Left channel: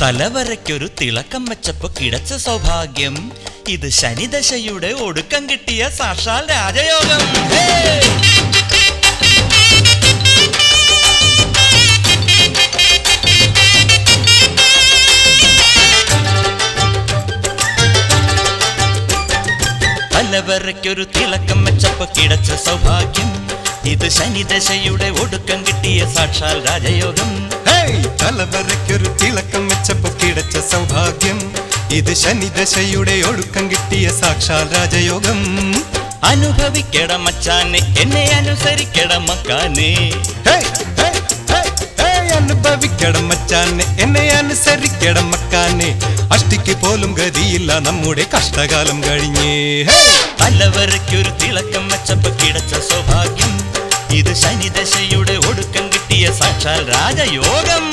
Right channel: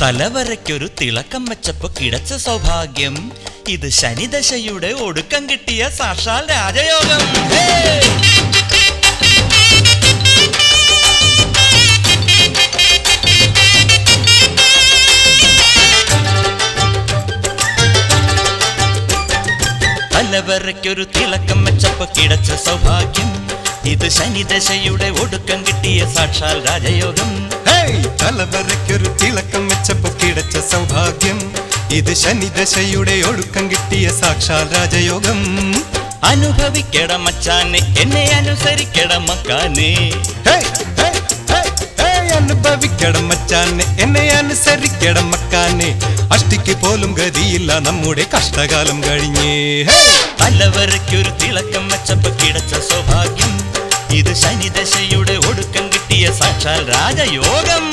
തലവരയ്ക്കൊരു തിളക്കം വെച്ചപ്പോ കിടച്ച സൗഭാഗ്യം, ഇത് ശനിദശയുടെ ഒടുക്കം കിട്ടിയ സാക്ഷാൽ രാജയോഗം. തലവരയ്ക്കൊരു തിളക്കം വെച്ചപ്പോ കിടച്ച സൗഭാഗ്യം, ഇത് ശനിദശയുടെ ഒടുക്കം കിട്ടിയ സാക്ഷാൽ രാജയോഗം. തലവരയ്ക്കൊരു തിളക്കം വെച്ചപ്പോ കിടച്ച സൗഭാഗ്യം, ഇത് ശനിദശയുടെ ഒടുക്കം കിട്ടിയ സാക്ഷാൽ രാജയോഗം. അനുഭവിക്കട മച്ചാനെ, എന്നെ അനുസരിക്കട മക്കാനെ. അനുഭവിക്കട മച്ചാനെ, എന്നെ അനുസരിക്കട മക്കാനെ. അഷ്ടിക്ക് പോലും ഗതിയില്ല നമ്മുടെ കഷ്ടകാലം കഴിഞ്ഞേ. തലവരയ്ക്കൊരു തിളക്കം വെച്ചപ്പോ കിടച്ച സൗഭാഗ്യം, ഇത് ശനിദശയുടെ ഒടുക്കം കിട്ടിയ സാക്ഷാൽ രാജയോഗം.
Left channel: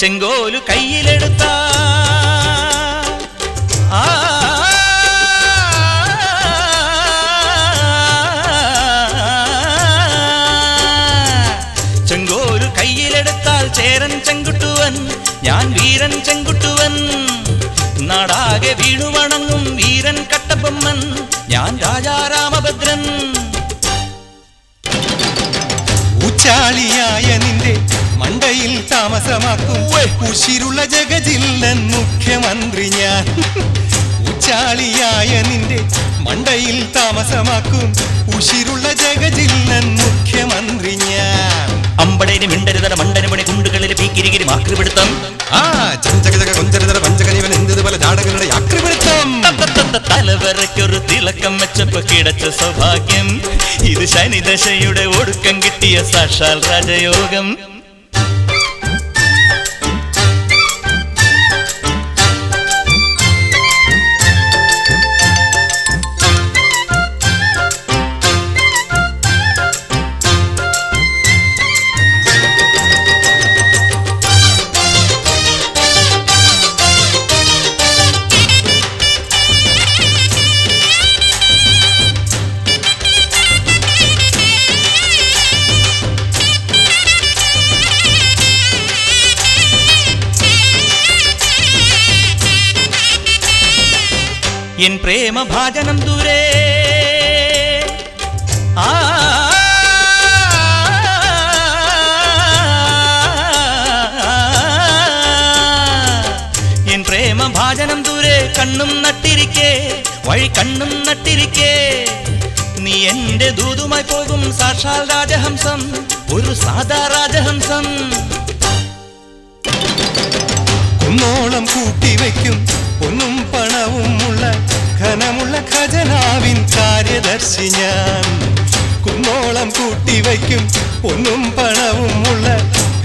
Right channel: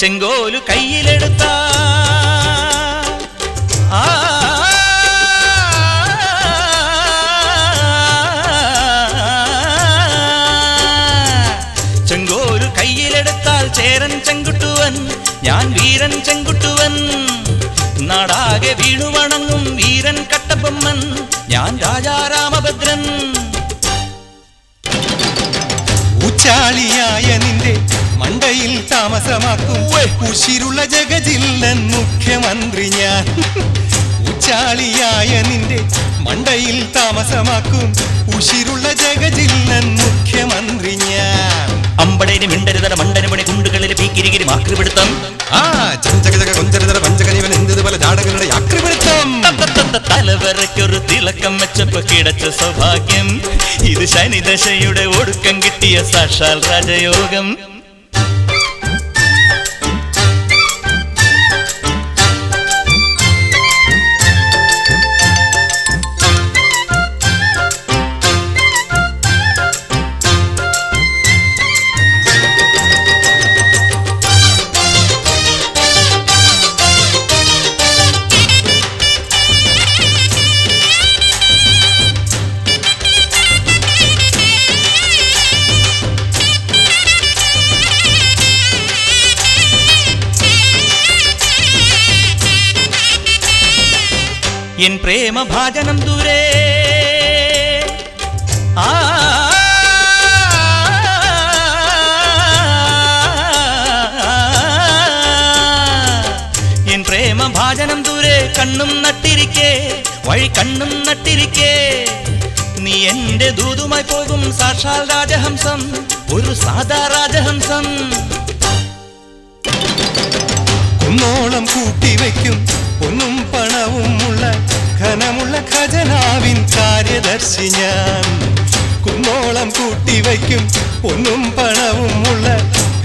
ചെങ്കോലു കയ്യിലെടുത്ത ചെങ്കോലു കയ്യിലെടുത്താൽ ചേരൻ ചെങ്കുട്ടുവൻ, ഞാൻ വീരൻ ചെങ്കുട്ടുവൻ. നാടാകെ വീണു വണങ്ങും വീരൻ കട്ടബൊമ്മൻ, ഞാൻ രാജാ രാമഭദ്രൻ. ഉച്ചാളിയായ നിന്റെ മണ്ടയിൽ താമസമാക്കും ഉശിരുള്ള ജഗജില്ലൻ മുഖ്യമന്ത്രി ഞാൻ. ഉച്ചാളിയായ നിന്റെ മണ്ടയിൽ താമസമാക്കും ഉശിരുള്ള ജഗജില്ലൻ മുഖ്യമന്ത്രി ഞാൻ. അമ്പടേന് മിണ്ടരുതട മണ്ടന് പണി കുണ്ടുകളിൽ പീക്കിരികിരി ആക്രിപിടുത്തം. തലവരയ്ക്കൊരു തിളക്കം വെച്ചപ്പോ കിടച്ച സൗഭാഗ്യം, ഇത് ശനിദശയുടെ ഒടുക്കം കിട്ടിയ സാക്ഷാൽ രാജയോഗം. എൻ പ്രേമഭാജനം ദൂരെ എൻ പ്രേമഭാജനം ദൂരെ കണ്ണും നട്ടിരിക്കേ, വഴി കണ്ണും നട്ടിരിക്കേ. നീ എന്റെ ദൂതുമായി പോകും സാക്ഷാൽ രാജഹംസം, ഒരു സാധാ രാജഹംസം. കുന്നോളം കൂട്ടിവയ്ക്കും പൊന്നും പണവുമുള്ള ഘനമുള്ള ഖജനാവിൻ കാര്യദർശി ഞാൻ. കുന്നോളം കൂട്ടിവയ്ക്കും പൊന്നും പണവുമുള്ള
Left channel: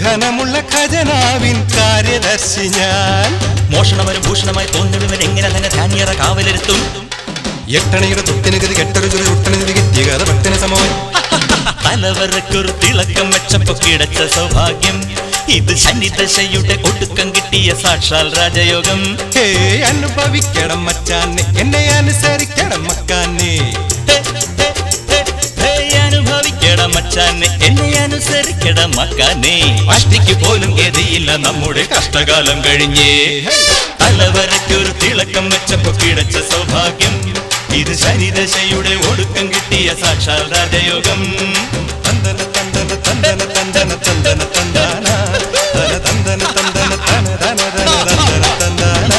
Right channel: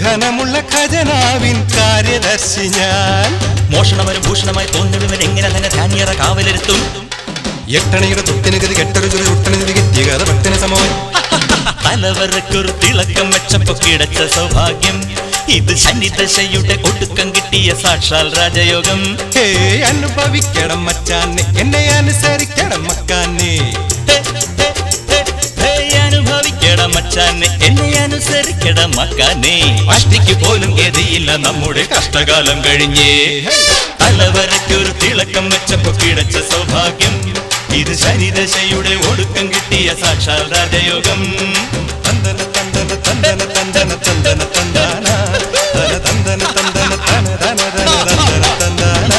ഘനമുള്ള ഖജനാവിൻ കാര്യദർശി ഞാൻ. മോഷണവരും ഭൂഷണമായി തോന്നിടുവൻ എങ്ങനെ തന്നെ ധാന്യറ കാവലിരുത്തും. എട്ടണയുടെ തൊട്ടിന് ഗതി കെട്ടൊരു ചുട്ടണി കിട്ടിയ കഥ പട്ടിന് സമമായി. തലവരയ്ക്കൊരു തിളക്കം വെച്ചപ്പോ കിടച്ച സൗഭാഗ്യം, ഇത് ശനിദശയുടെ ഒടുക്കം കിട്ടിയ സാക്ഷാൽ രാജയോഗം. അനുഭവിക്കണം മച്ചാനെ, എന്നെ അനുസരിക്കണം മക്കാനെ. അനുഭവിക്കണം മച്ചാനെ, എന്നെ അനുസരിക്കണം മക്കാനെ. അഷ്ടിക്ക് പോലും ഗതിയില്ല നമ്മുടെ കഷ്ടകാലം കഴിഞ്ഞേ. തലവരയ്ക്കൊരു തിളക്കം വെച്ചപ്പോ കിടച്ച സൗഭാഗ്യം, ഇത് ശനിദശയുടെ ഒടുക്കം കിട്ടിയ സാക്ഷാൽ രാജയോഗം. തന്തന തന്തന തന്തന തന്തന തന്തന തന്താന തന തന്തന തന്തന തന തന തന തന്താന.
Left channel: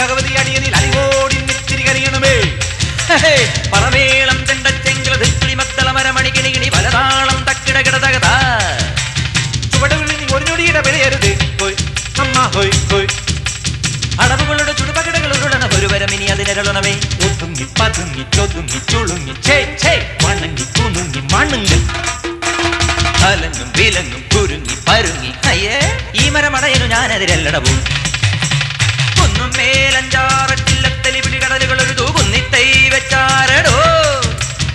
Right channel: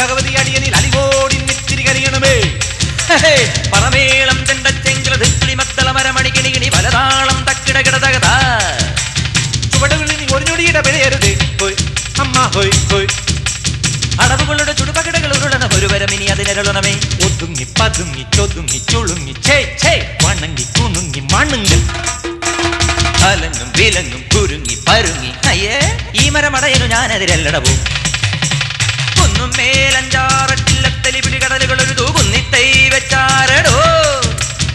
ഭഗവതി അടിയനിൽ അലിവോടി നെറ്റിരി കരിയണമേ. പറമേളം ചെണ്ടച്ചെങ്കിളി മത്തള മരമണികിണികിണി പലതാളം തക്കിടകിടതകത ചുവടുകളിൽ ഒരു ഞൊടിയുടെ വിലയരുത് ഹോയ് അമ്മ ഹോയ് ഹോയ് അടവുകളുടെ ചുടുപകിടകൾ ഉരുളണ ഒരു വരമിനി അതിനരുളണമേ ഒതുങ്ങി പതുങ്ങി ചൊതുങ്ങി ചുളുങ്ങി വണങ്ങി കുണുങ്ങി മണുങ്ങി അലങ്ങും വിലങ്ങും കുരുങ്ങി പരുങ്ങി അയ്യേ ഈ മരമടയനു ഞാനതിരല്ലടവും കുന്നും മേലഞ്ചാറട്ടില്ലത്തലി പിടികടലുകൾ ഒരു തൂകുന്നിത്തൈ വെച്ചാരടോ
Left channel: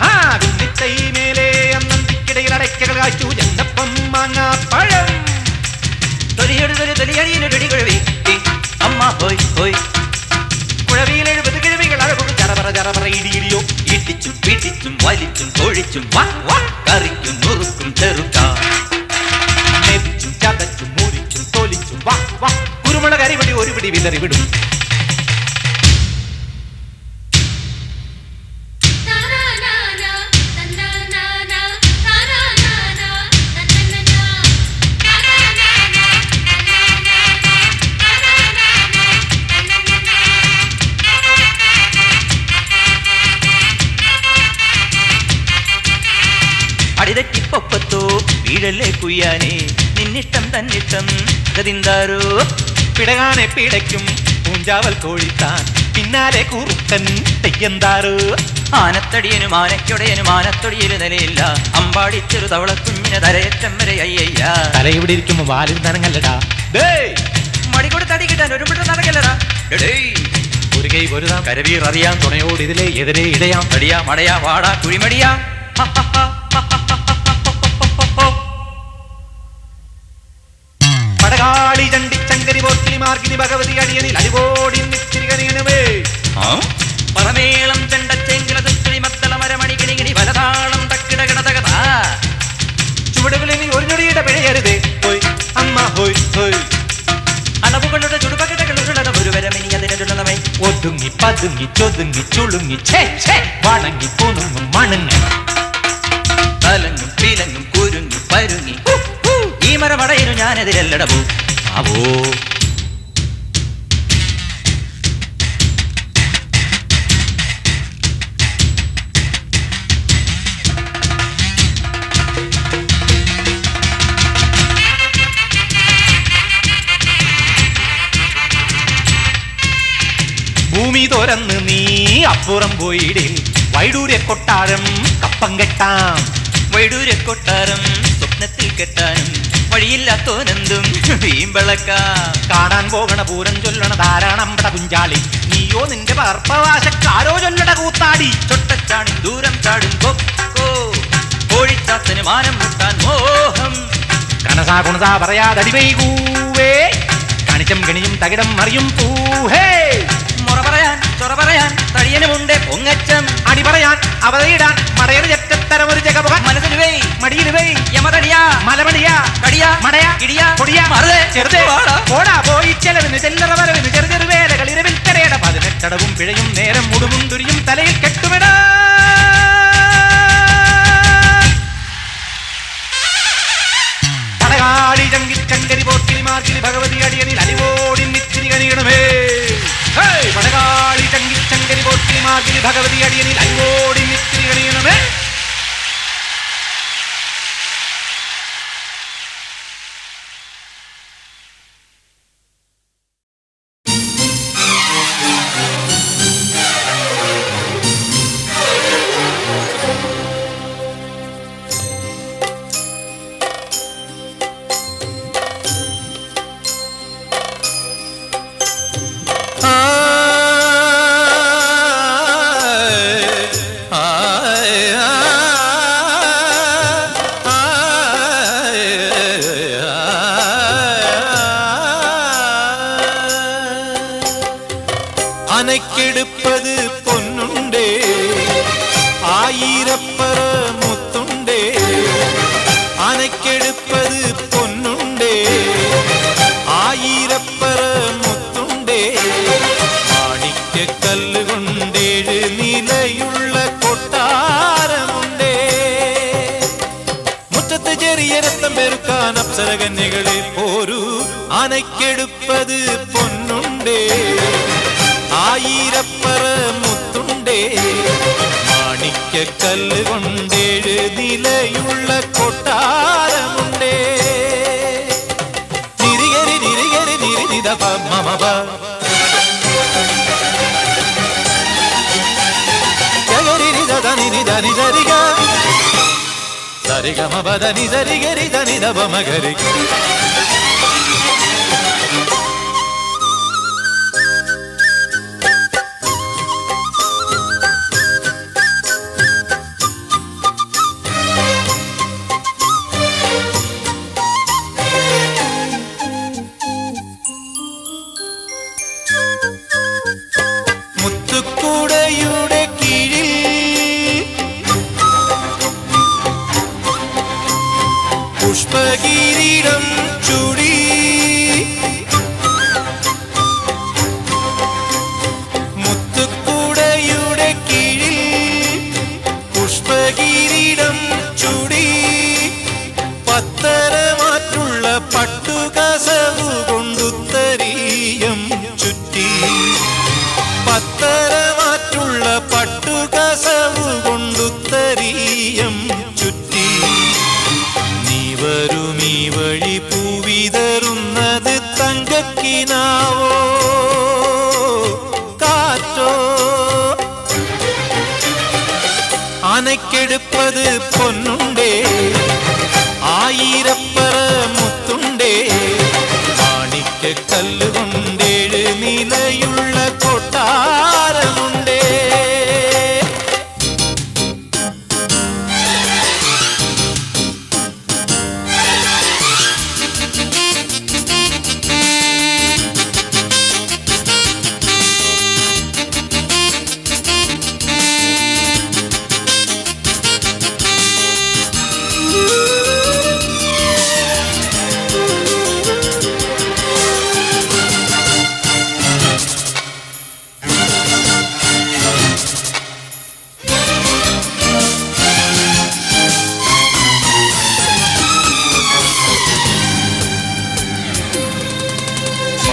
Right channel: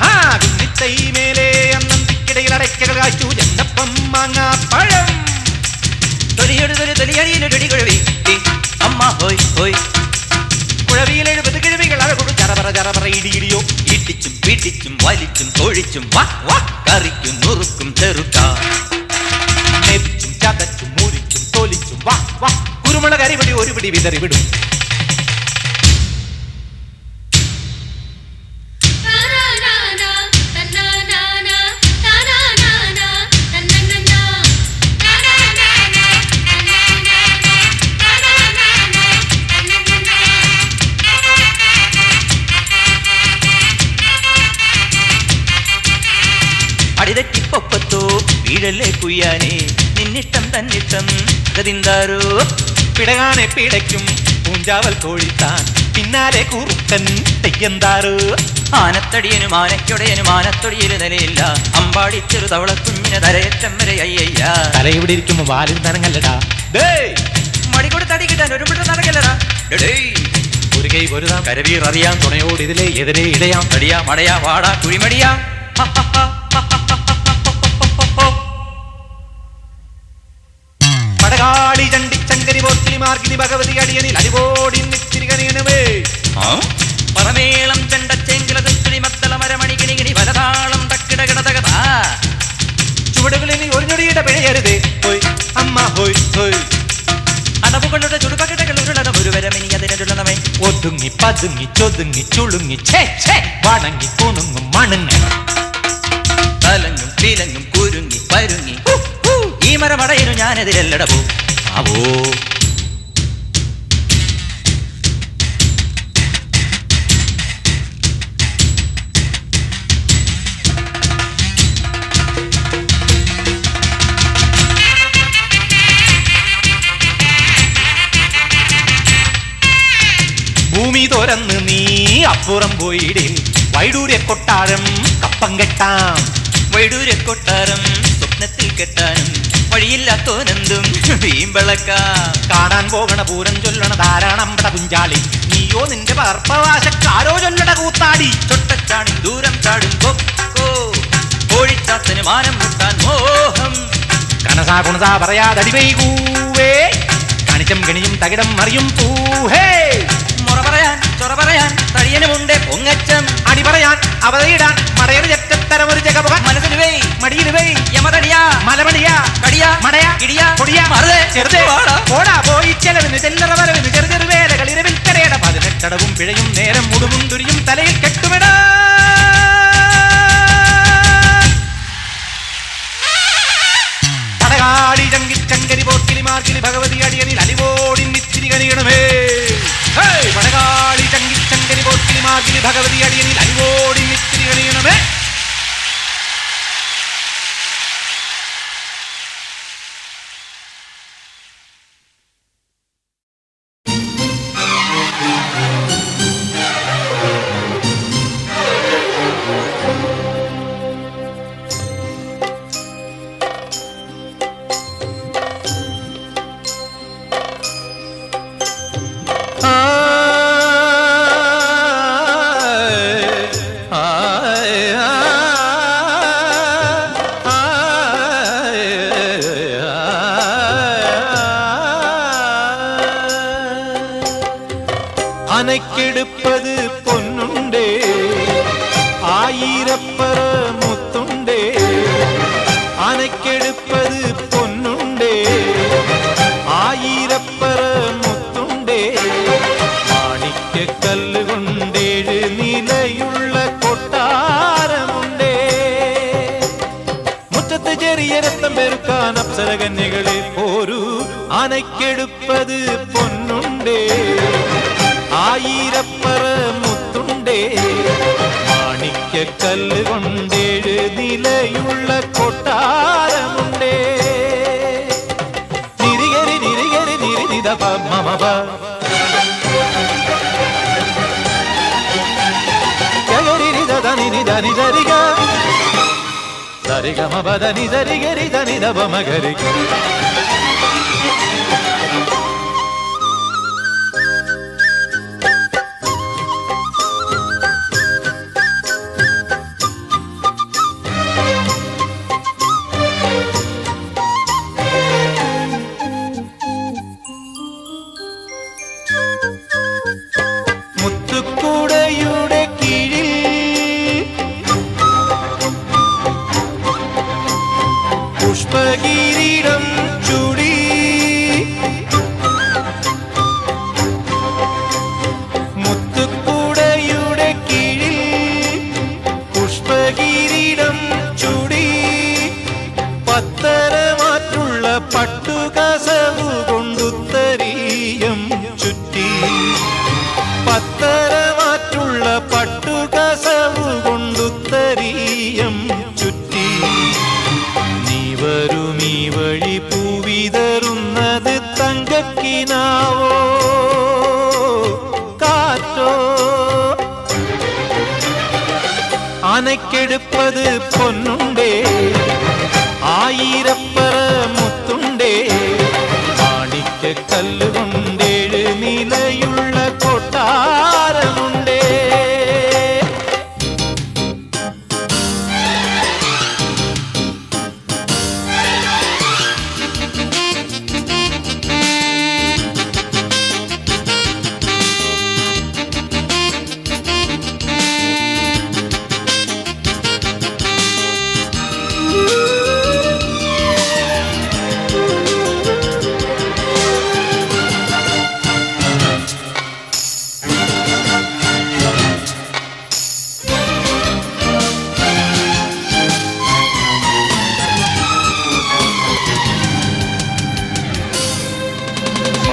ആ കുന്നിത്തൈ മേലെ അന്നന്തിക്കിടയിൽ അടയ്ക്കകൾ കാച്ചു ചെന്നപ്പം മാങ്ങാ പഴം തൊലിയടിയൊരു കുഴവി അമ്മ ഹോയ് ഹോയ് കുഴവിയിൽ 70 കിഴവികൾ അഴകൊടു ചറപറ ഇടിയിടിയോ ഇടിച്ചും പിടിച്ചും വലിച്ചും തൊഴിച്ചും കറിക്കും നുറുക്കും ചെറുക്ക മെതിച്ചും ചതച്ചും മുറിച്ചും തൊലിച്ചും കുരുമുളക് അരിപിടി ഒരു പിടി വിതറി വിടും അടിതെറ്റിപ്പൊപ്പത്തോ വീഴല്ലേ കുയ്യാനേ നിന്നിഷ്ടം തന്നിഷ്ടം ഗതിന്താരോ പിടകാനെ പിടയ്ക്കും പൂഞ്ചാവൽ കോഴിത്താൻ പിന്നാലെ കൂറുക്കൻ തെയ്യന്താരോ ആനത്തടിയനും ആനയ്ക്കൊടയനും ആനത്തൊടിയില് നിലയില്ല അമ്പാടി ചെറു തവള കുഞ്ഞിന് തലയറ്റം വരെ അയ്യയ്യ തല ഇവിടെ ഇരിക്കുമ്പോ വാലിൽ നനങ്ങല്ലടാ മടിക്കൂടെ തടി കിട്ടാൻ ഒരു മിട്ടം നടക്കല്ലടാ ഒരു കൈ പൊരുതാം കരവീർ അറിയാം തുണയോട് ഇതിലെ എതിരെ ഇടയാം തടിയാ മടയാ വാടാ കുഴിമടിയാ പടകാളി ചണ്ടി ചങ്കരി പോർക്കിനി മാർഗിനി ഭഗവതി അടിയനിൽ അടിവോടി നിത്തിരികണിയണമേ പറമേളം ചെണ്ടച്ചെങ്കിളി മത്തള മരമണികിണികിണി പലതാളം തക്കിടകിടതകത ചുവടുകളിൽ ഒരു ഞൊടിയുടെ പിഴയരുതേ ഹോയ് അമ്മ ഹോയ് ഹോയ് അടവുകളുടെ ചുടുപകിടകൾ ഉരുളണ ഒരു വരമിനി അതിനരുളണമേ ഒതുങ്ങി പതുങ്ങി ചൊതുങ്ങി ചുളുങ്ങി വണങ്ങി കുണുങ്ങും മണങ്ങി തലങ്ങും പീലങ്ങും കുരുങ്ങി പരുങ്ങി ഈ മരമടയനു ഞാനെതിരല്ലടവോ ആവോ ഭൂമി തുറന്ന് നീ അപ്പുറം പോയിടിൽ വൈഡൂര്യ കൊട്ടാരം കപ്പം കെട്ടാം വൈഡൂര്യ കൊട്ടാരം സ്വപ്നത്തിൽ കെട്ടാനും വഴിയില്ലാത്തോനെന്തും വീമ്പളക്ക കാണാൻ പോകണ പൂരം ചൊല്ലണ ധാരാളമ്പട പുഞ്ചാളി നീയോ നിന്റെ പർപ്പവാശക്കാരോ ചൊല്ലട കൂത്താടി തൊട്ടച്ചാണി ദൂരം ചാടും കൊക്കോ കോഴിച്ചാത്തന് മാനം മുട്ടാൻ മോഹം കനസാ കുണസാ പറയാതടി വൈകൂവേ കണിച്ചം കണിയും തകിടം മറിയും പൂഹേ മുറ പറയാൻ ചൊറ പറയാൻ തടിയനുമുണ്ട് പൊങ്ങച്ചം അടി പറയാൻ അവതയിടാൻ മടയന് ചെറ്റത്തരം ഒരു ജഗമുഖ മനസ്സിന് വേ മടിയിൽ വേ യമതടിയാ മലമടിയാ കടിയാ മടയാ ഇടിയാ പൊടിയാ മറുതേ ചെറുതേ പോടാ പോയി ചെലവിന് ചെല്ലറ വരവിന് ചെറു വേലകൾ ഇരവിൽ കരയട 18 പിഴയും നേരം മുടുമും തുരിയും തലയിൽ കെട്ടുമിട പടകാളി ചങ്കരി പോർക്കിനി മാർക്കിനി ഭഗവതി അടിയനിൽ അടിവോടി നിത്തിരി കണിയണമേ പടകാളി ചങ്കരി പോർക്കിനി മാർക്കിനി ഭഗവതി അടിയനിൽ അടിവോടി നിത്തിരി കണിയണമേ അനക്കെടുപ്പത് പൊന്നുണ്ടേ ആയിരപ്പറ മുത്തുണ്ടേ അനക്കെടുപ്പത് പൊന്നുണ്ടേ ആയിരപ്പറ മുത്തുണ്ടേ മാണിക്യക്കല്ല് കൊണ്ടേഴ് നിലയുള്ള കൊട്ടാരമുണ്ടേ മുറ്റത്ത് ചെറിയ രക്തം പെരുക്കാൻ അപ്സരകന്യകളെ പോരൂ അനക്കെടുപ്പത് പൊന്നുണ്ടേ ആയിരപ്പറ മുത്തുണ്ടേ കല്ലുകൊണ്ടേഴ് നിലയുള്ള കൊട്ടാരമുണ്ടേ. നിരികരി നിരികരി നിരിനിത മമ ധനി ധരിക ധരിക മപ ധനി ധരികരി ധനി ധപ മകരി. മുത്തുക്കുടയുടെ കീഴിൽ പുഷ്പകിരീടം ചൂടി മുത്തുക്കുടയുടെ കീഴിൽ പുഷ്പകിരീടം ചൂടി പത്തരമാറ്റുള്ള പട്ടുകസവു കൊണ്ടുത്തരീയം ചുറ്റി പത്തരമാറ്റുള്ള പട്ടുകസവു കൊണ്ടുത്തരീയം ചുറ്റി നീ വരുമീ വഴി പൂവിതറുന്നത് തങ്കക്കിനാവോ കാറ്റോ ആനയ്ക്കെടുപ്പത് പൊന്നുണ്ടേ ആയിരപ്പറ മുത്തുണ്ടേ മാണിക്ക കല്ലുകൊണ്ടേഴ് നിലയുള്ള കൊട്ടാരമുണ്ടേ.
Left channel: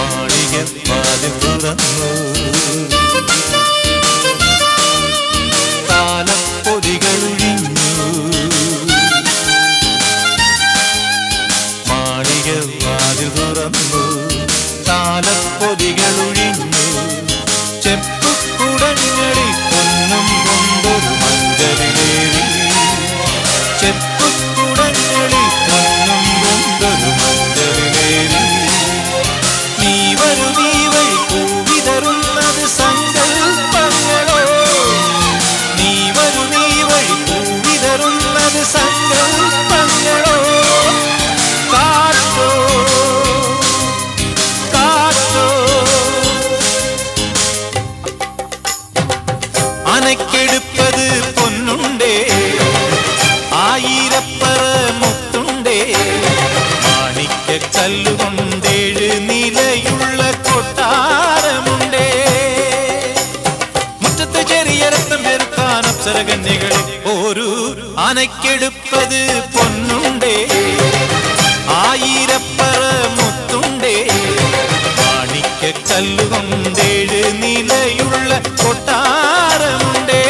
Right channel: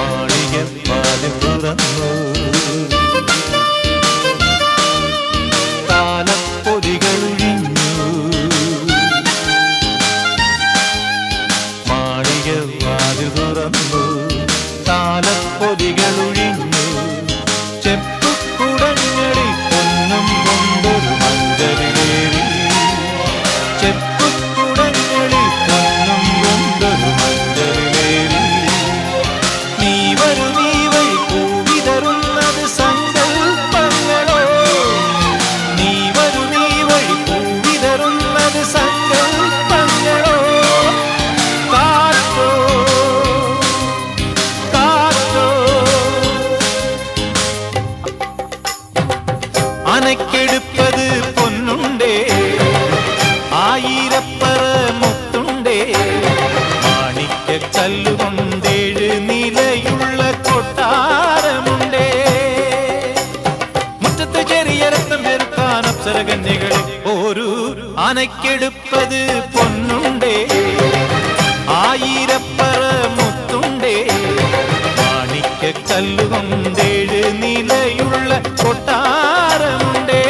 മാളികപ്പാതിൽ തുറന്നു താലപ്പൊതികളൊഴിഞ്ഞു. മാളികവാതിൽ തുറന്നു താലപ്പൊതികളൊഴിഞ്ഞു. ചെപ്പുകുടങ്ങളിൽ പൊന്നും കൊണ്ടൊരു മഞ്ചലിലേറി ചെപ്പുകുടങ്ങളിൽ പൊന്നും കൊണ്ടൊരു മഞ്ചലിലേറി. നീ വരുമീ വഴി പൂവിതറുന്നത് സങ്കൽപ്പങ്ങളോ നീ വരുമീ വഴി പൂവിതറുന്നത് സങ്കൽപ്പങ്ങളോ കാറ്റോ കാറ്റോ അനക്കെടുപ്പത് പൊന്നുണ്ടേ ആയിരപ്പറ മുത്തുണ്ടേ മാണിക്ക കല്ലുകൊണ്ടേഴ് നിലയുള്ള കൊട്ടാരമുണ്ടേ. മുറ്റത്ത് ചെറിയ രക്തം ചെറുക്കാൻ അപ്സരകന്യകളെ ഒരു ആനയ്ക്കെടുപ്പത് പൊന്നുണ്ടേ ആയിരപ്പറ മുത്തുണ്ടേ മാണിക്ക കല്ലുകൊണ്ടേഴ് നിലയുള്ള കൊട്ടാരമുണ്ടേ.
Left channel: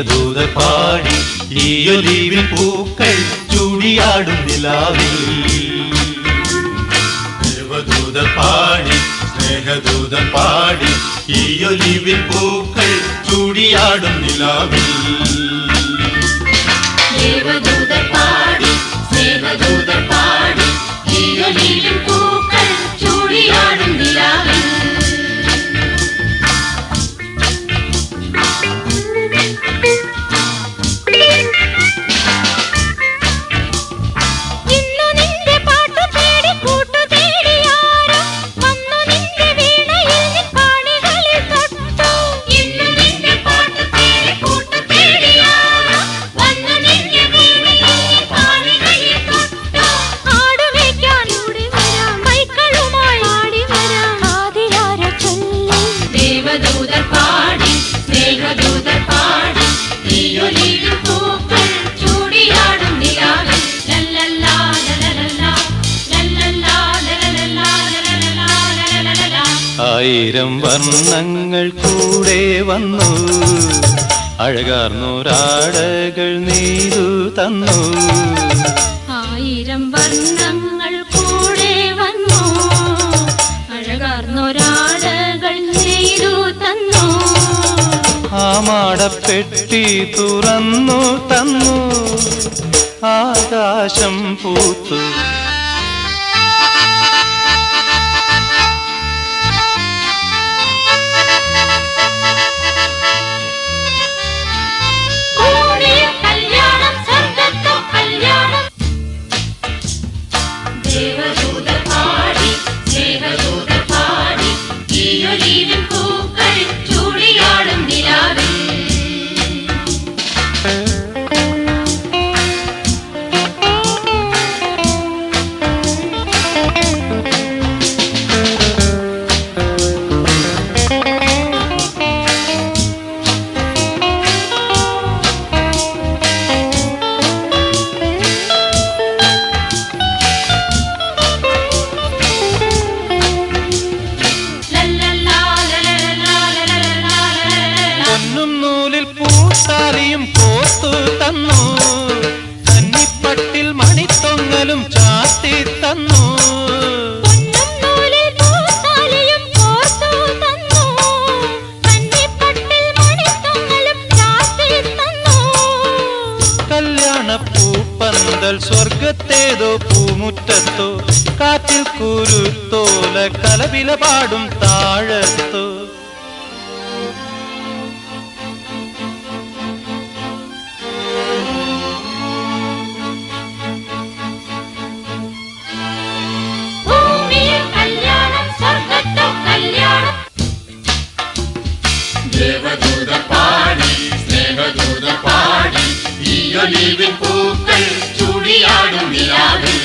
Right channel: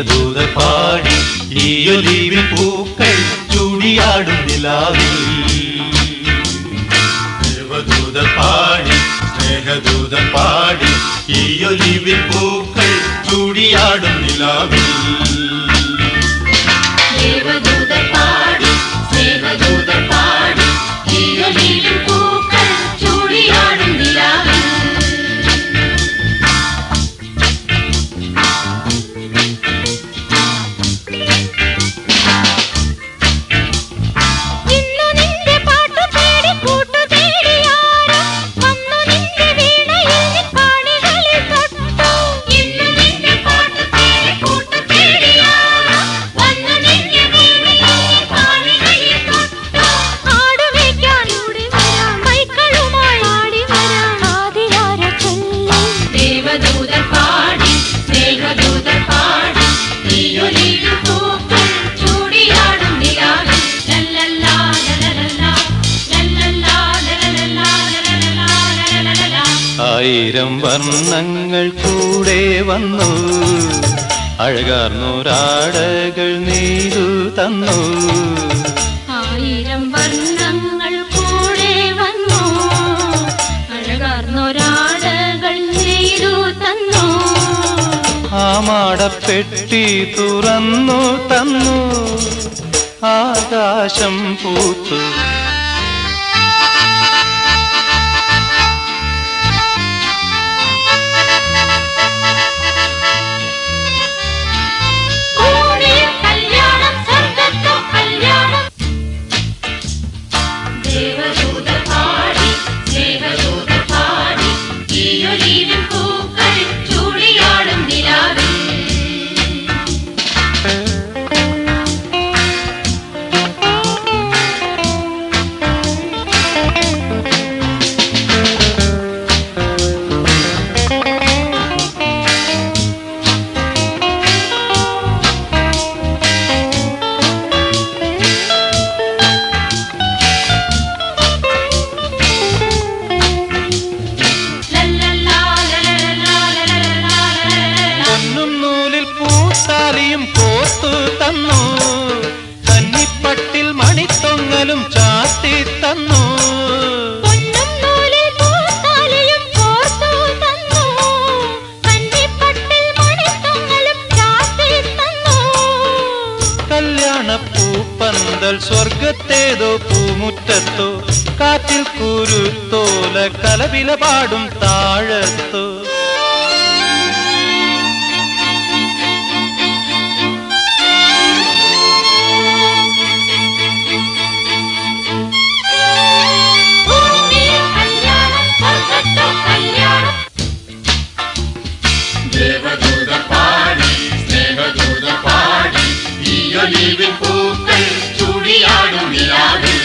ദേവദൂത പാടി ഈയൊലിവിൽ പൂക്കൾ ചൂടിയാടും നിലാവിൽ ദേവദൂത പാടി സ്നേഹദൂത പാടി ഈയൊലിവിൽ പൂക്കൾ ചൂടിയാടും നിലാവിൽ ദേവദൂത പാടി സ്നേഹദൂത പാടി ഈയൊലിവിൽ പൂക്കൾ ചൂടിയാടും നിലാവിൽ ആയിരം വർണ്ണങ്ങൾ കൂടെ വന്നു അഴകാർന്നൊരാടകൾ നീരു തന്നു ആയിരം വർണ്ണങ്ങൾ കൂടെ വന്നു അഴകാർന്നൊരാടകൾ നീരു തന്നു ആമാടപ്പെട്ടി തുറന്നു തന്നു ആകാശം പൂത്തു ദേവദൂത പാടി സ്നേഹദൂത പാടി ഈയൊലിവിൽ പൂക്കൾ ചൂടിയാടും നിലാവിൽ പൂത്താലിയും കോർത്തു തന്നു കന്നിപ്പട്ടിൽ മണിത്തൊങ്ങലും ചാത്തി തന്നു കല്യാണപ്പൂപ്പന്തൽ സ്വർഗത്തേതോ പൂമുറ്റത്തോ കാറ്റിൽ കുരുത്തോല കലവില പാടും താഴത്തോ ദേവദൂത പാടി സ്നേഹദൂത പാടി ഈയൊലിവിൽ പൂക്കൾ ചൂടിയാടും നിലാവിൽ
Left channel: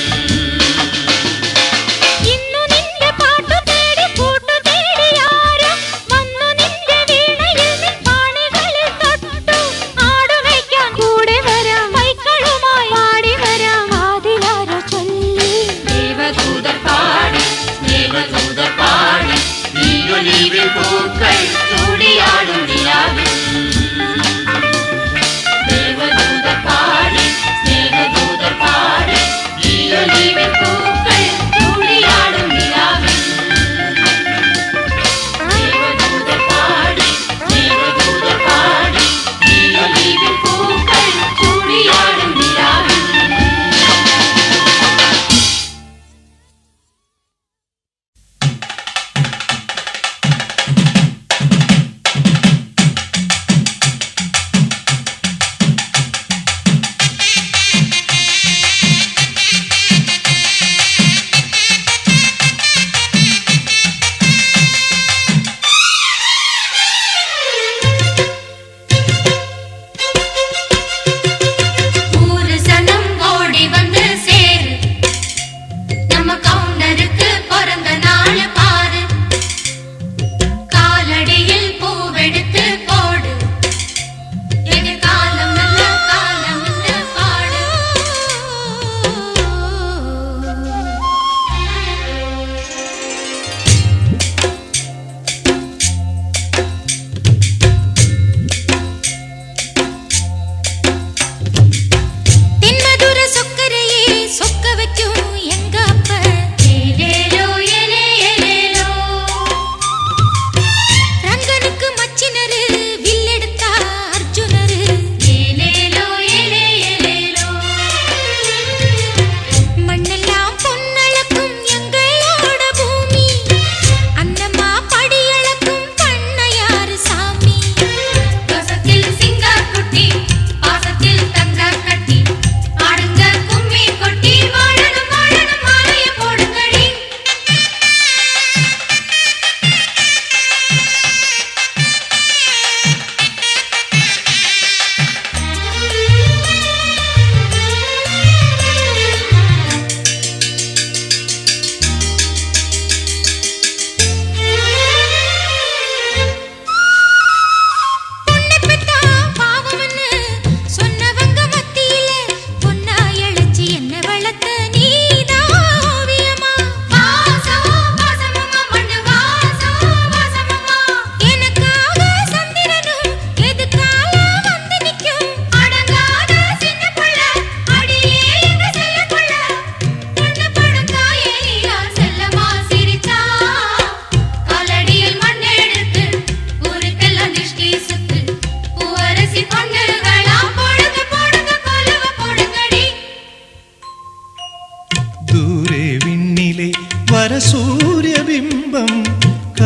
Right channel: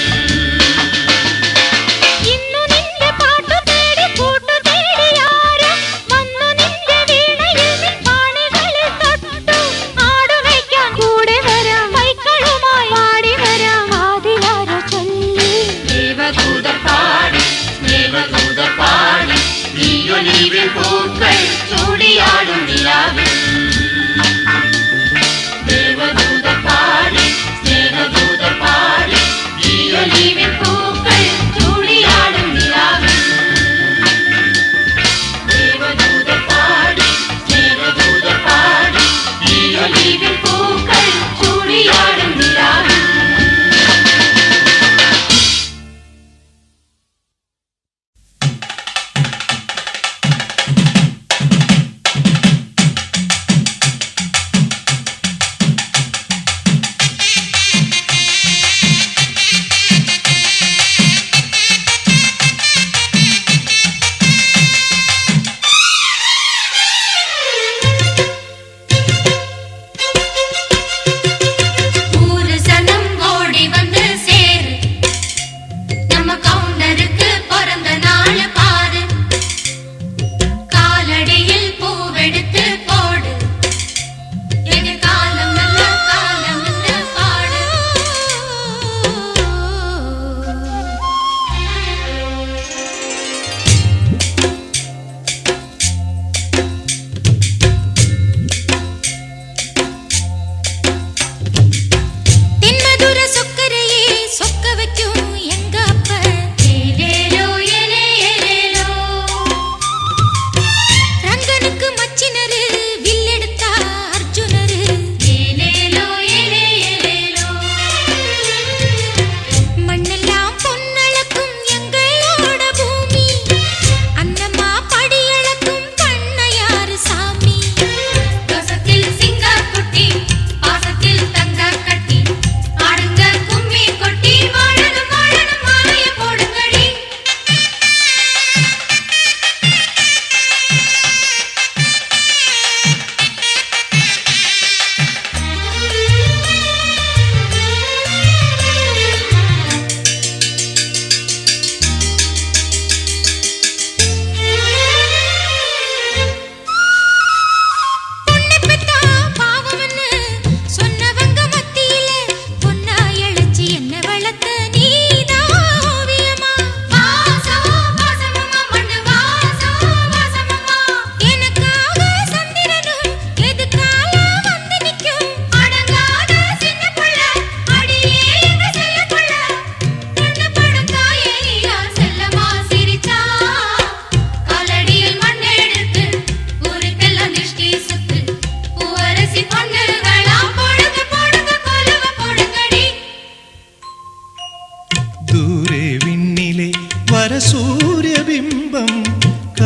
ദേവദൂത പാടി സ്നേഹദൂത പാടി ഈയൊലിവിൽ പൂക്കൾ ചൂടിയാടും നിലാവിൽ ദേവദൂത പാടി സ്നേഹദൂത പാടി ഈയൊലിവിൽ പൂക്കൾ ചൂടിയാടും നിലാവിൽ ദേവദൂത പാടി സ്നേഹദൂത പാടി ഈയൊലിവിൽ പൂക്കൾ ചൂടിയാടും നിലാവിൽ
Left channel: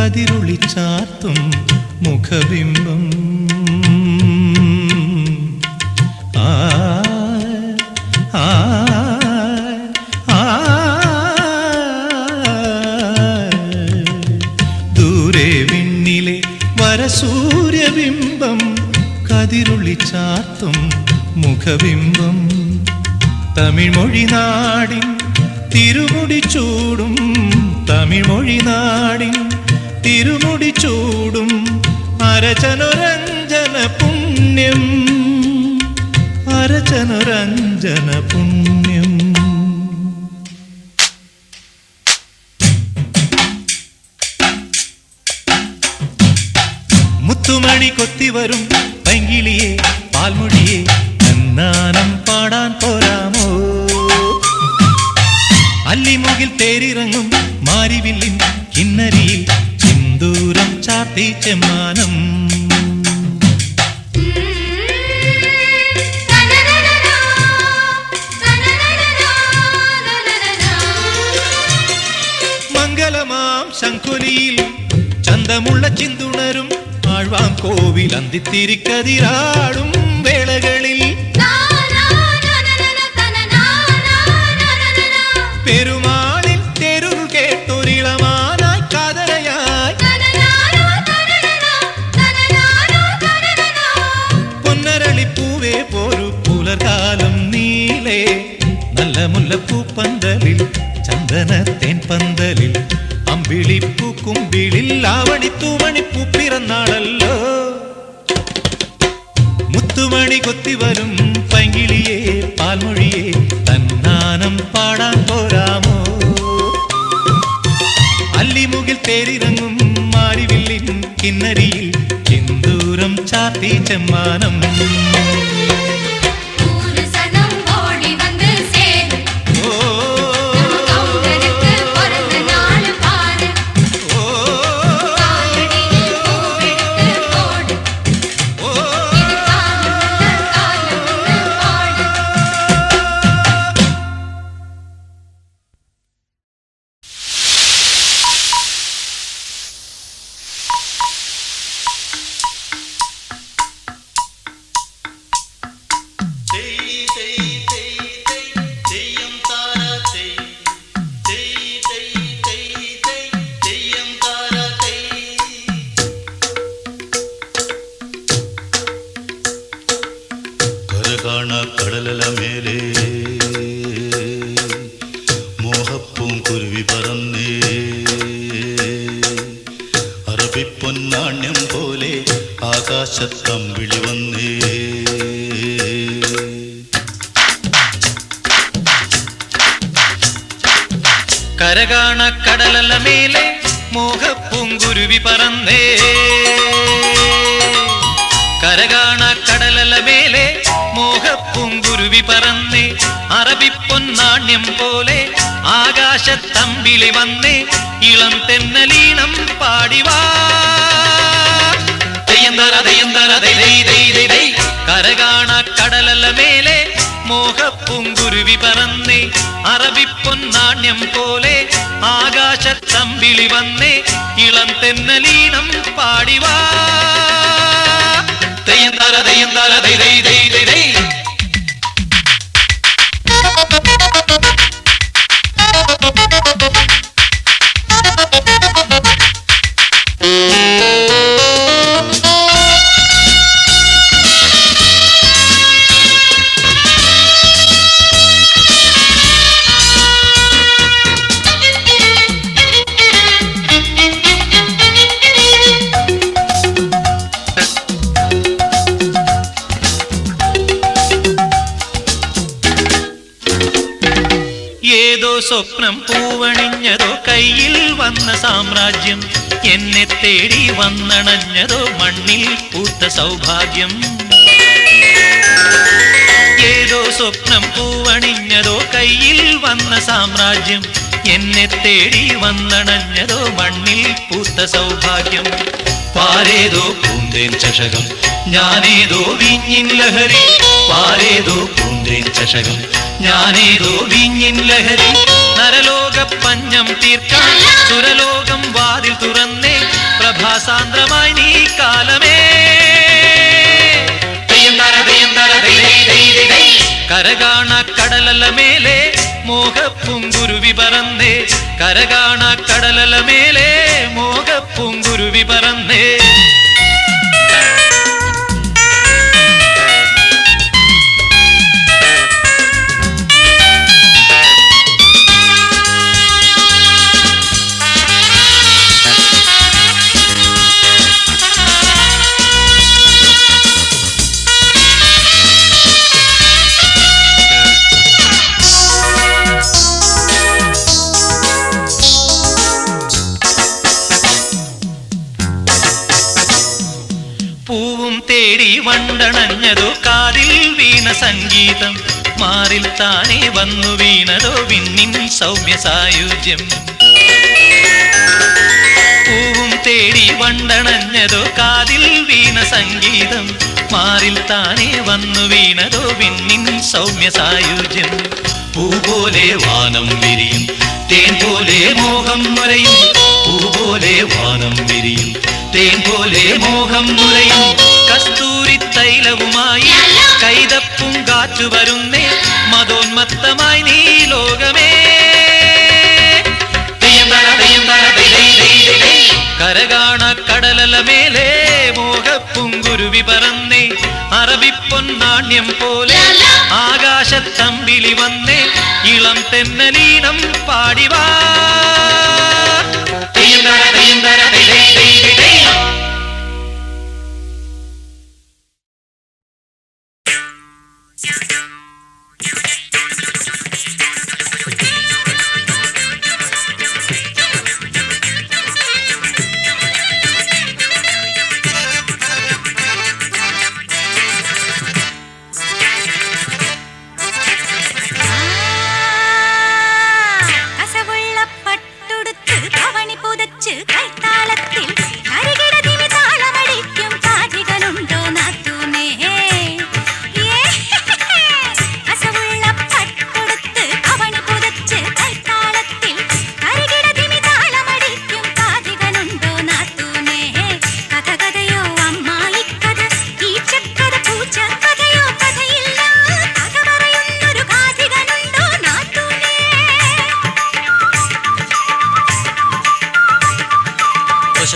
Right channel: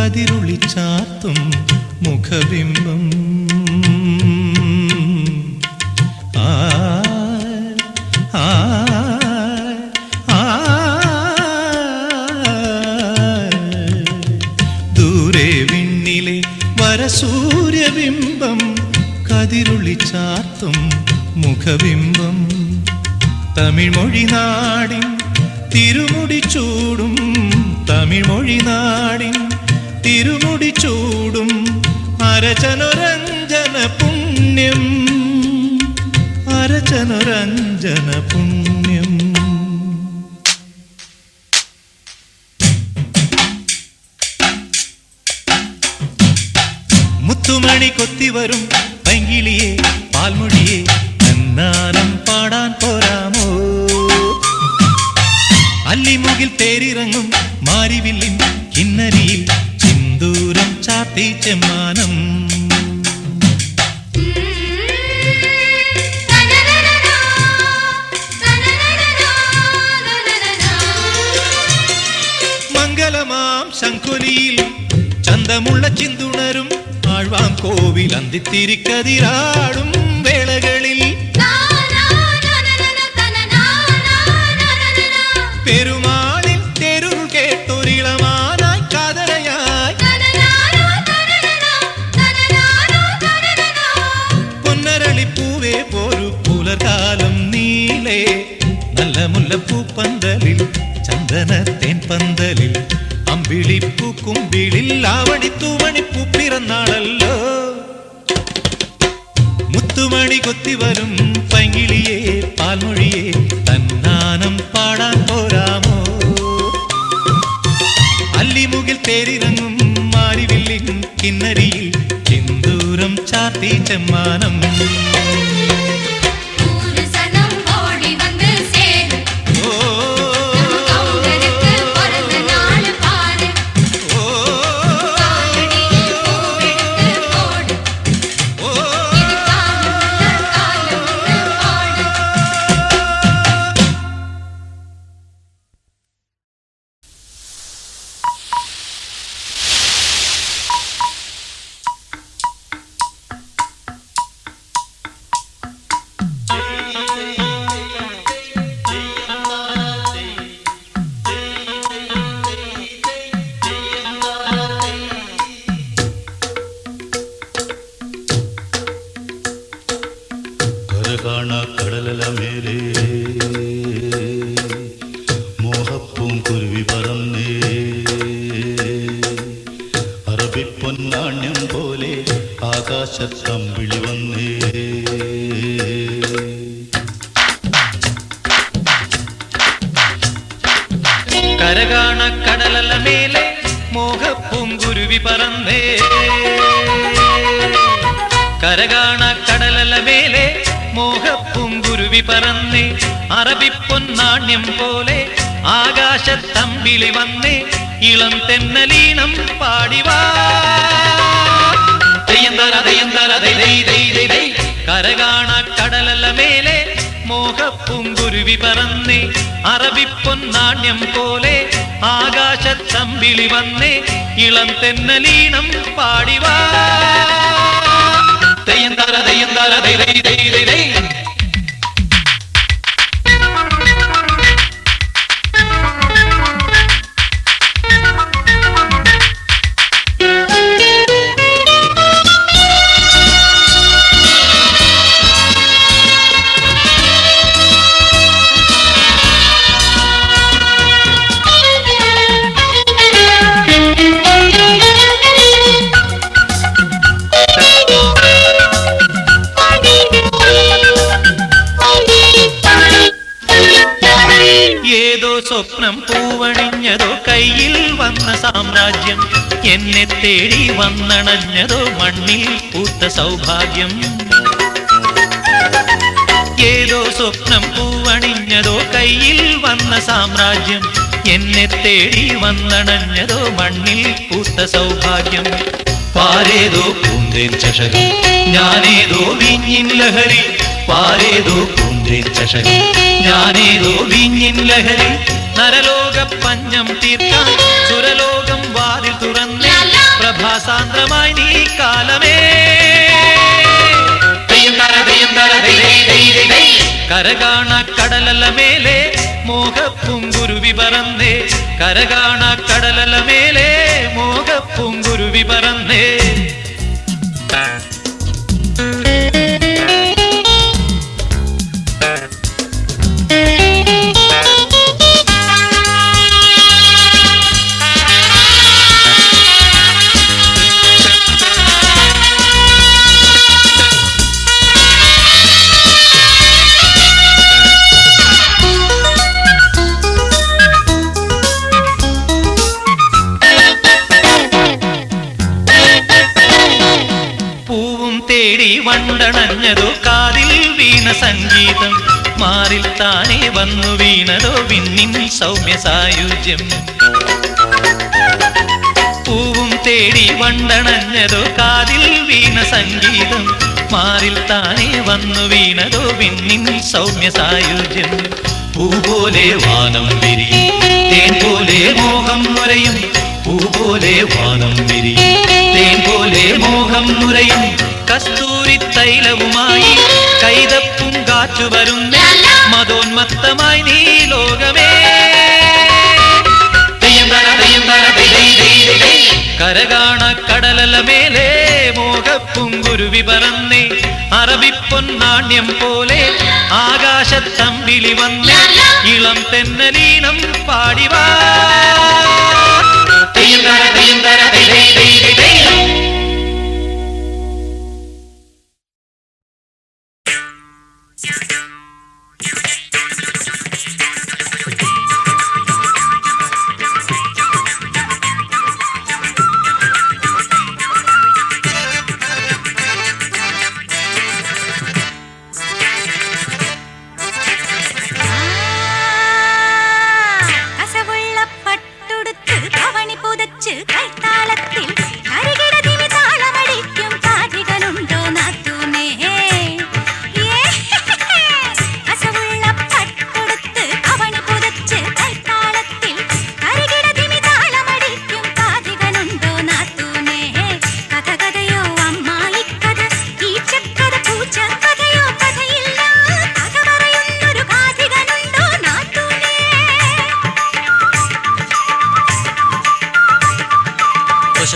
കതിരുളി ചാത്തും മുഖബിംബം ആ ആ ആ ദൂരെ വിണ്ണിലെ വരസൂര്യബിംബം കതിരുളി ചാത്തും മുഖബിംബം തമിഴ്മൊഴി നാടിൻ തിരുമുടി ചൂടും തമിഴ്മൊഴി നാടിൻ തിരുമുടി ചൂടും അരചനുരഞ്ജന പുണ്യം അരചനുരഞ്ജന പുണ്യം മുത്തുമണി കൊത്തിവരും പൈങ്കിളിയെ പാൽമൊഴിയെ കന്നാനം പാടാൻ പോരാമോ അല്ലിമുകിൽ തേരിറങ്ങും മാരിവില്ലിൻ കിന്നരിയിൽ സിന്ദൂരം ചാർത്തി ചെമ്മാനം മംഗളമാം ശംഖുലിയിൽ ചന്തമുള്ള ചിന്തുണരും ആഴ്വാം കോവിൽ അന്തിത്തിരിക്കതിരാടും വേളകളിൽ പെരുമാളിൻ തെരുൾ കേട്ടൊരിളമാനായി കാതരയായി പൊന്നരളിപ്പൂവേ പോരു പുലർകാലം നീലേ നല്ല മുല്ലപ്പൂപ്പന്തലിൽ ചന്ദനത്തേൻ പന്തലിൽ അമ്പിളിപ്പൂക്കുമ്പിളിൽ ആവണിത്തൂവണിപ്പൂ പിറന്നാളല്ലോ മുത്തുമണി കൊത്തിവരും പൈങ്കിളിയെ പാൽമൊഴിയെ തന്നാനം പാടാൻ പോരാമോ അല്ലിമുകിൽ തേരിറങ്ങും മാരിവില്ലിൻ കിന്നരിയിൽ സിന്ദൂരം ചാർത്തി ചെമ്മാനം കടലല മേലെ മോഹപ്പൂം കുരുവി പറന്നേ അറബിപ്പൊന്നാണ്യം പോലെ ആകാശത്തമ്പിളി വന്നേ കരകാണ കടലല മേലെ മോഹപ്പൂം കുരുവി പറന്നേ കരകാണ കടലല മേലെ മോഹപ്പൂങ്കുരുവി പറന്നേ അറബിപ്പൊന്നാണ്യം പോലെ ആകാശത്തമ്പിളി വന്നേ ഇളം തെന്നലീണം പാടിവാ കരകാണ കടലല മേലെ മോഹപ്പൂങ്കുരുവി പറന്നേ അറബിപ്പൊന്നാണ്യം പോലെ ആകാശത്തമ്പിളി വന്നേ ഇളം തെന്നലീണം പാടിവാ സ്വപ്നം പൂവണിഞ്ഞതോ കയ്യിൽ വന്ന സാമ്രാജ്യം എന്നെ തേടി വന്നണഞ്ഞതോ മണ്ണിൽ പൂത്ത സൗഭാഗ്യം ഏതോ സ്വപ്നം പൂവണിഞ്ഞതോ കയ്യിൽ വന്ന സാമ്രാജ്യം എന്നെ തേടി വന്നണഞ്ഞതോ മണ്ണിൽ പൂത്ത സൗഭാഗ്യം പാരേതോ പൂന്തേൻ ചഷകം ഞാനേതോ വിഞ്ഞിൻ ലഹരി പാരേതോ പൂന്തേൻ ചഷകം ഞാനേതോ വിഞ്ഞിൻ ലഹരി നരലോക പഞ്ഞം തീർക്കാൻ സുരലോകം വാതിൽ തുറന്നേ പ്രഭാസാന്ദ്രമായി നീ കാലമേ കരകാണ കടലല മേലെ മോഹപ്പൂങ്കുരുവി പറന്നേ കരകാണ കടലല മേലെ മോഹപ്പൂങ്കുരുവി പറന്നേ വണ്ടണഞ്ഞതോ കാതിൽ വീണ സംഗീതം മാറിൽ താനേ വന്നു വീണതോ വിണ്ണിൻ സൗമ്യ സായുജ്യം പൂവും തേടി വണ്ടണഞ്ഞതോ കാതിൽ വീണ സംഗീതം മാറിൽ താനേ വന്നു വീണതോ വിണ്ണിൻ സൗമ്യ സായുജ്യം പൂ പോലെ വാനം വിരിയും തേൻ പോലെ മോഹം നുരയും പൂ പോലെ വാനം വിരിയും തേൻ പോലെ മോഹം നുരയും കസ്തൂരി തൈലവുമായി കൈതപ്പും കാറ്റു വരുന്നേ മതോന്മത്തമായി നീ ലോകമേ കരകാണ കടലല മേലെ മോഹപ്പൂങ്കുരുവി പറന്നേ അറബിപ്പൊന്നാണ്യം പോലെ ആകാശത്തമ്പിളി വന്നേ ഇളം തെന്നലീനം പാടിവാ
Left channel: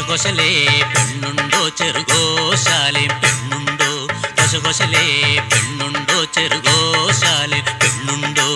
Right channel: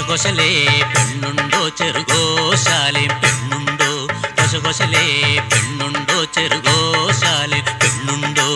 കൊശകൊശലേ പെണ്ണുണ്ടോ ചെറുകോശാലെ പെണ്ണുണ്ടോ കൊശകൊശലേ പെണ്ണുണ്ടോ ചെറുകോശാലെ പെണ്ണുണ്ടോ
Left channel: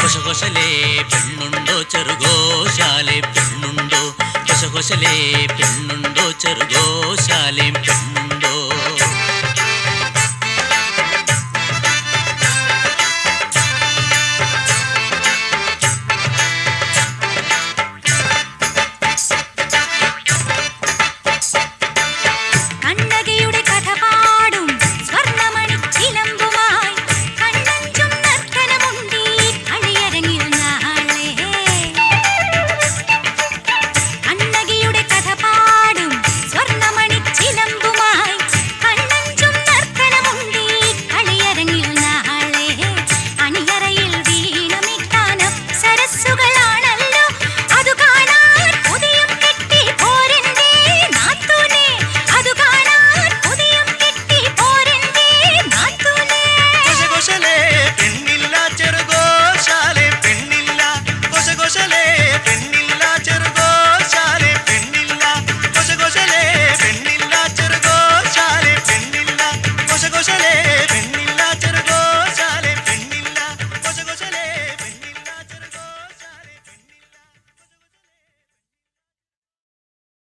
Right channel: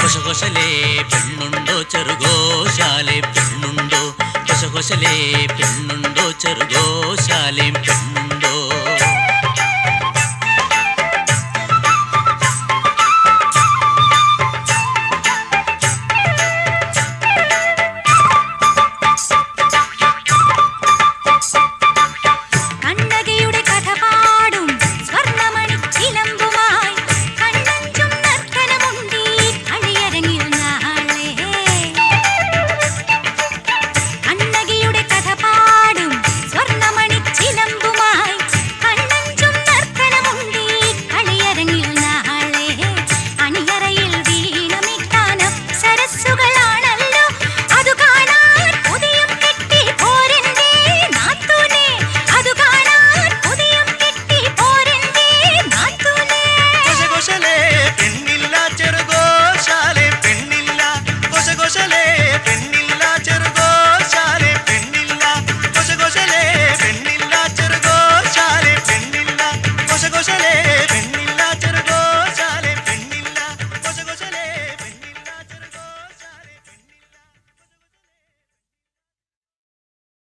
കൊശകൊശലേ പെണ്ണുണ്ടോ ചെറുകോശാലെ പെണ്ണുണ്ടോ കൊശകൊശലേ പെണ്ണുണ്ടോ ചെറുകോശാലെ